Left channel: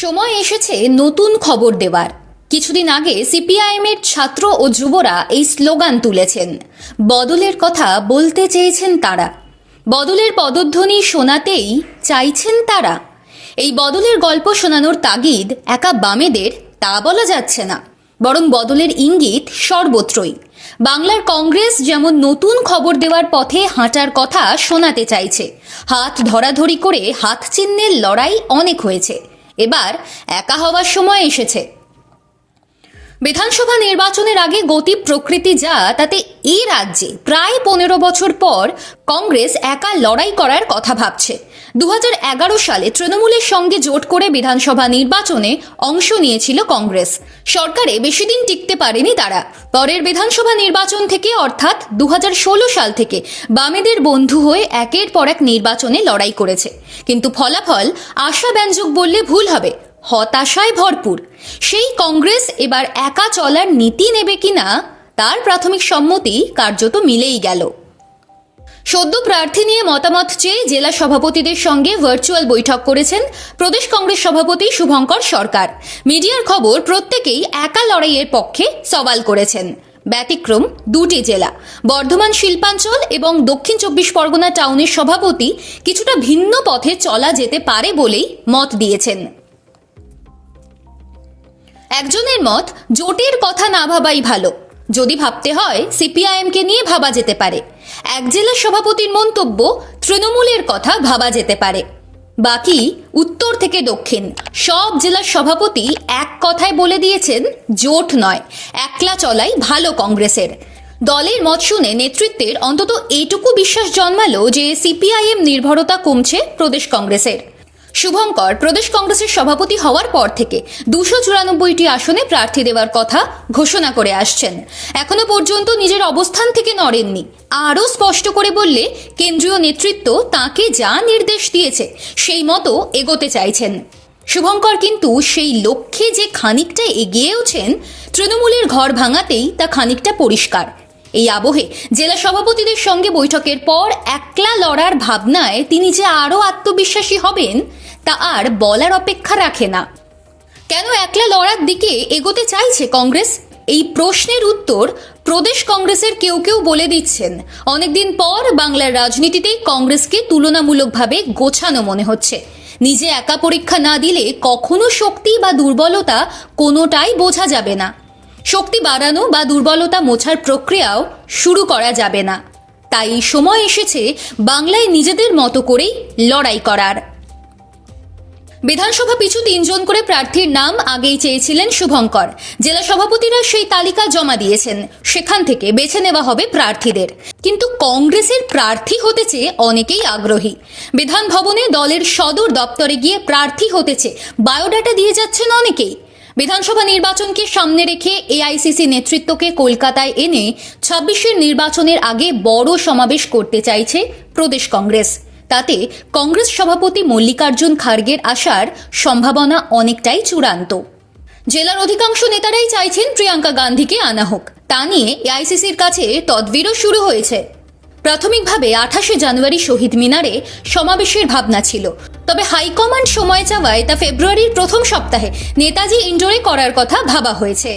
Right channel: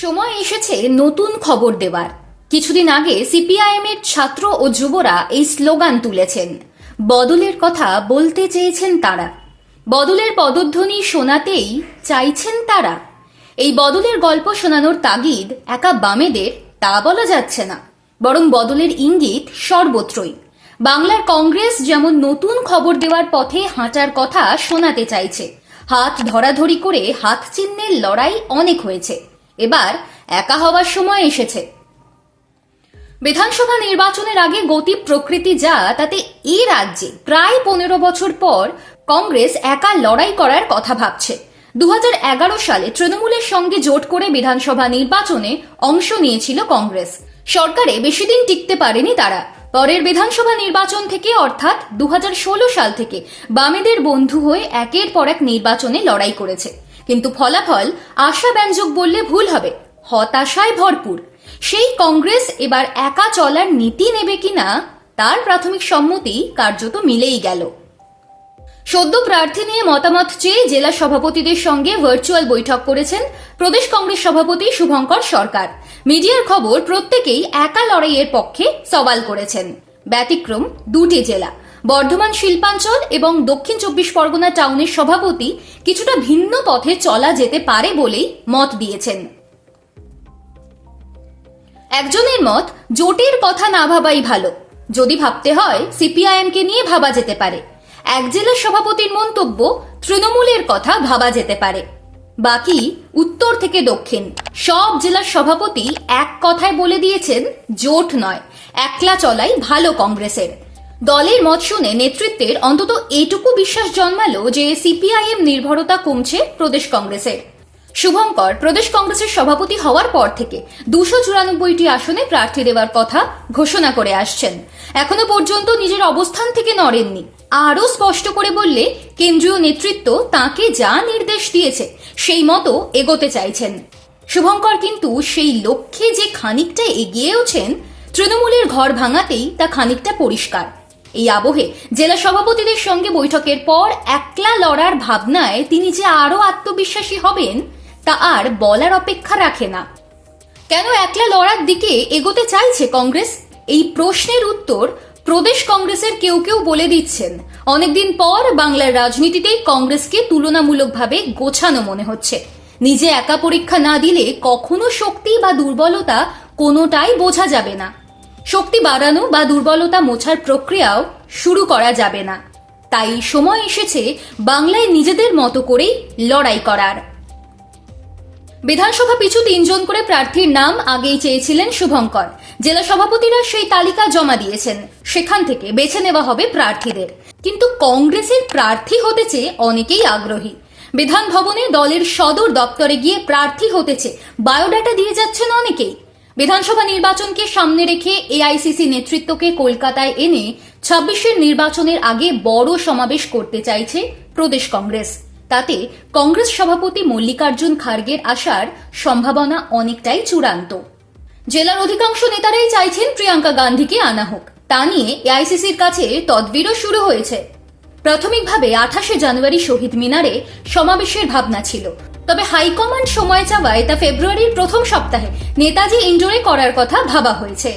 সময় এসেছে নতুন খবর দেওয়ার। কিছুদিন আগে সিপিআইএমের ছাত্র ও যুবরা এই স্লোগান তুলেছেন, বদলের কথা বলতে চেয়েছেন তারা, বদলের পদধ্বনি শোনাতেই চাইছেন তারা। এই বদলের গল্প শোনানোর তাগিদ একা বামেদের তা বলা যাচ্ছে না, বরং বদলের ইঙ্গিত সর্বত্রই। বাংলার কংগ্রেস যেমন নতুন খবর দেওয়ার পথে হাঁটার কথা শোনাতে চাইছে। হাত ধরাধরি করে হাত চিহ্নের লড়াই অনেক হয়েছে, এবার একা হওয়ার সময় এসেছে। বিধানসভা নির্বাচনের আগে গতি প্রকৃতি যা, তাতে এই রাজ্যে প্রায় 15 বছর পর কংগ্রেস একা লড়াই করার কথা ভাবছে। 2011 সালে তৃণমূলের সঙ্গে জোট করে বিধানসভা নির্বাচনে অংশ নিয়েছিল কংগ্রেস। সরকারে বেশি দিন টিকতে পারেনি তারা। পরের বিধানসভা নির্বাচন থেকে অর্থাৎ 2016 সাল থেকে বামেদের বন্ধু হয়ে একের পর এক নির্বাচনে লড়াই করেছে, কিন্তু ফলাফল আশাব্যঞ্জক বললে ভুল হবে, হতাশায় ভরপুর। সেই কংগ্রেস এবার একা চলার নীতি নেবে কিনা তার প্রাথমিক সম্মতি কার্যত মিলেই গেল। সদ্য প্রার্থী নিয়ে মতামত চেয়ে জেলা সভাপতিদের সঙ্গে ভার্চুয়াল বৈঠক করেছেন প্রদেশ কংগ্রেস সভাপতি শুভঙ্কর সরকার। মিডিয়ার খবর, প্রত্যেকেই একা লড়াইয়ের পক্ষে সওয়াল করেছেন। ব্যতিক্রম দুটি জেলা, বর্ধমান শিল্পাঞ্চল এবং দক্ষিণ 24 পরগনা টাউনের সভাপতি কিছুটা ভিন্ন পথে চলা যেতে পারে বলেই মত দিয়েছেন। একজনের মত, জোটের কথা না ভাবাই ভালো, যদি ভাবতে হয় সিপিআইএমকে নিয়ে ভাবা যেতে পারে। এক জেলার সভাপতির মন্তব্য, তৃণমূলের কথা ভাবা যেতে পারে। বাকি উত্তর থেকে দক্ষিণ সব জেলার সভাপতি এক কথায় বলে দিয়েছেন, জোট নয়, একলা চলাই ভালো কংগ্রেসের। দলের মত শুনে নেতৃত্বের অন্তত এইটুকু বিশ্বাস জন্মালো যে সিপিআইএম নির্ভরতা কমছে প্রদেশ কংগ্রেসের। শুভঙ্কর প্রদেশ কংগ্রেসের সভাপতি হওয়ার পর থেকে 294টি আসনে প্রার্থী দেওয়ার কথা ঘোষণা করে আসছেন। এখনো পর্যন্ত নিজের অবস্থান থেকে নড়েননি। আরও স্পষ্ট করে বললে, কেন্দ্রীয় নেতৃত্ব তাকে যা নির্দেশ দিয়েছে সেই মতো এগোতে চাইছেন। শুভঙ্কর কিন্তু সেই লক্ষ্যে যে খানিকটা এগিয়েওছেন, তৃণমূলের ঘর ভাঙাতেই তা খানিকটা পরিষ্কার। এই আবহে জেলা সভাপতিদের সঙ্গে বৈঠকের পর একলা লড়ার ভাবনায় তিনি যে আরও আত্মবিশ্বাসী হবেন তা আর বলার অপেক্ষা রাখে না। কেন একলা লড়ার দিকে এগোতে চাইছে কংগ্রেস? এই প্রশ্নের উত্তর প্রদেশ কংগ্রেসের কেউ কেউ বলে দিচ্ছেন। অনেকদিন পর বাংলার রাজনীতিতে কংগ্রেসকে তুলনামূলকভাবে গোছানো মনে হচ্ছে। নিজে একা পরীক্ষা না দিলে কখনো শক্তি বা দুর্বলতা কোনোটাই বোঝা যাবে না। শক্তি বাড়ানো বা দুর্বলতা মোছার প্রক্রিয়াও শুরু করা যাবে না। তাই সময় এসেছে বাংলায় নিজেদের মতো করেই লড়াই করার। বিধানসভা পিছু 3 জন করে প্রার্থীর নাম আগেই চেয়েছিলেন শুভঙ্কর। জেলা সভাপতিরা সেই তালিকা জমা দিয়েছেন, সেখান থেকে বেছে নেওয়া হবে প্রার্থীদের। কিন্তু কংগ্রেসের প্রার্থী হতে চেয়ে অনেকেই আগ্রহী। বিধান ভবনে দলের সদর দপ্তরে গিয়ে প্রার্থী হতে চেয়ে বায়োডাটা দিয়ে যাচ্ছেন অনেকেই। বিধানসভা নির্বাচনকে সামনে রেখে এআইসিসি নেতৃত্বকে কলকাতায় এনে 26-এর নির্বাচনের আগে বড় সমাবেশ করতে চাইছে প্রদেশ কংগ্রেস। তাতে কংগ্রেস সভাপতি মল্লিকার্জুন খার্গের আসার সম্ভাবনা অনেকটাই চূড়ান্ত। জেলার অধিকাংশ নেতারাই চাইছেন প্রিয়াঙ্কা গান্ধীকে আনা হোক। তা নিয়ে এআইসিসির কাছে তদবিরও শুরু হয়েছে। প্রাথমিকভাবে 28শে জানুয়ারি শহীদ মিনারে সমাবেশের ভাবনা ছিল, তবে হাইকমান্ড সময় চাওয়ায় তা ফেব্রুয়ারির প্রথম সপ্তাহে নেতাজি ইন্ডোরে করার কথা ভাবা হয়েছে।